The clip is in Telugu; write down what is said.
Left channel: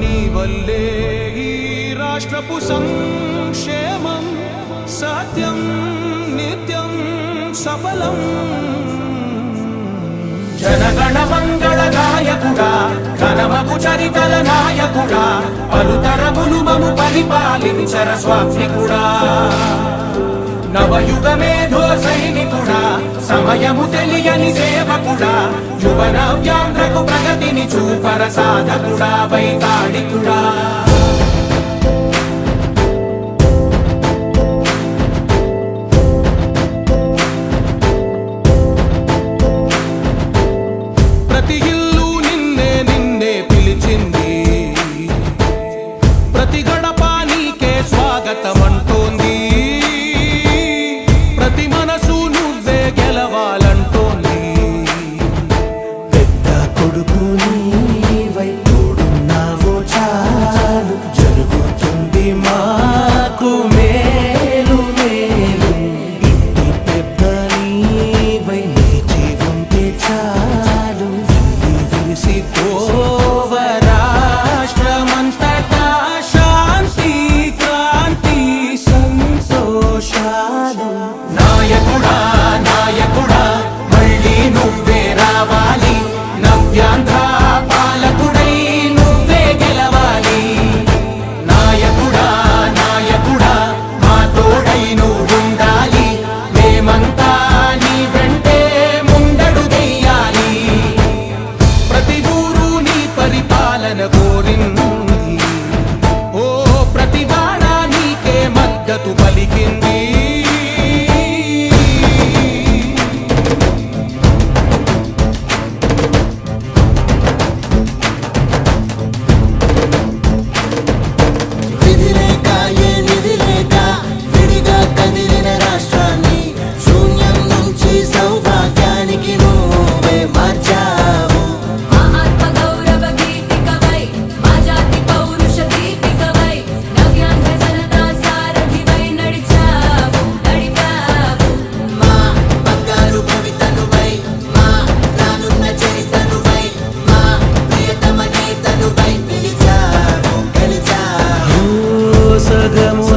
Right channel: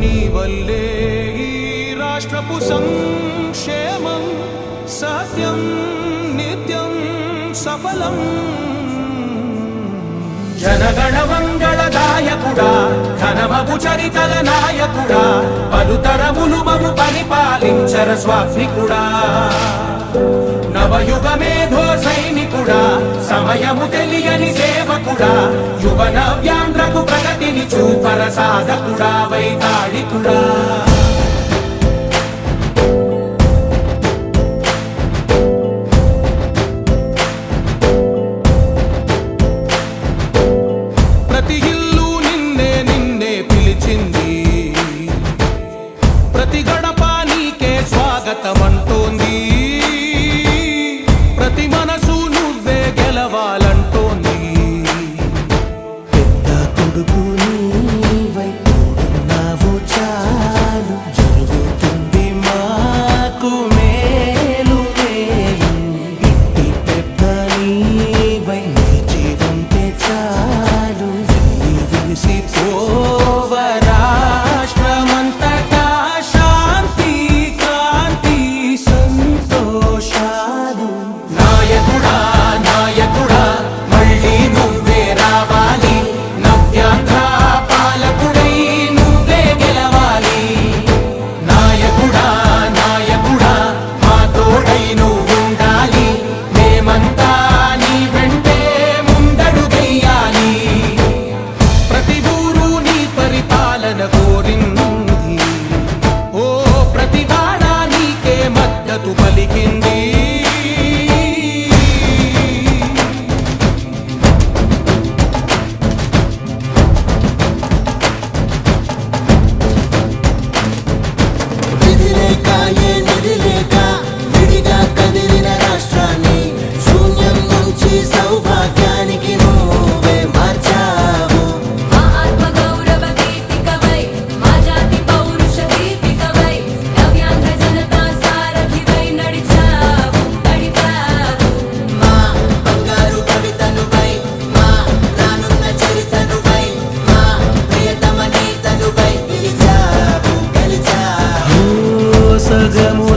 నీ వల్లే ఈ రాష్ట్రపు సంక్షేమం సత్యం నిత్యం సఫలం. జనగణ మంగళ గాయకుడా ఘనమగు చరితల నాయకుడా పలుతరములు మము పరిపాలించర స్వామికుడా. నవయుగ మేధో సైనికుడా సమయము తెలియని సేవకుడా యువన వ్యాంధ్రకు ప్రగతిని చూపర సాధకుడా వైతాళికుడా. ప్రతి ఇల్లు నిన్నే నిన్నే పిలిచింది, ప్రతి గడప నీకే స్వాగతమంటోంది, ప్రతి మనసు నువ్వే గెలవాలంటోంది. పెద్ద కొడుకు నీవై తోడున్నావు చాలు జరుగుతుంది మాకు మేలు మేలు. ఇంటి పెద్ద నీవై నిలిచి ఉంటే చాలు వెళ్ళి విరిసి పోవ రాష్ట్రమంతటా శాంతి క్రాంతి సంతోషాలు. నాయకుడా నాయకుడా మళ్ళీ నువ్వే రావాలి, నవ్యాంధ్ర పాలకుడై నువ్వే గెలవాలి. నాయకుడా నాయకుడా మా తోడై నువ్వుండాలి, మేమంతా నీ వెంటే ముందడుగెయ్యాలి. ప్రతి ఊరు నీ పరిపాలన కోరింది, ఓ ప్రతి వాడ నీకే మద్దతు పలికింది. విధి లేక ఏ నిధి లేక విడిగా కదిలిన రాష్ట్రాన్ని శూన్యం నుంచి సౌభాగ్యానికి నువ్వే మార్చావు. మా ఆత్మ గౌరవ గీతికవై మా జాతి పౌరుష దీపికవై నవ్యాంధ్ర జనతా సారథివై నడిచావు నడిపావు. మా బంగారు భవితనువై మా రానున్న చరితనువై మా ప్రియతమ నేతనువై పిలిచావు గెలిచావు. సగము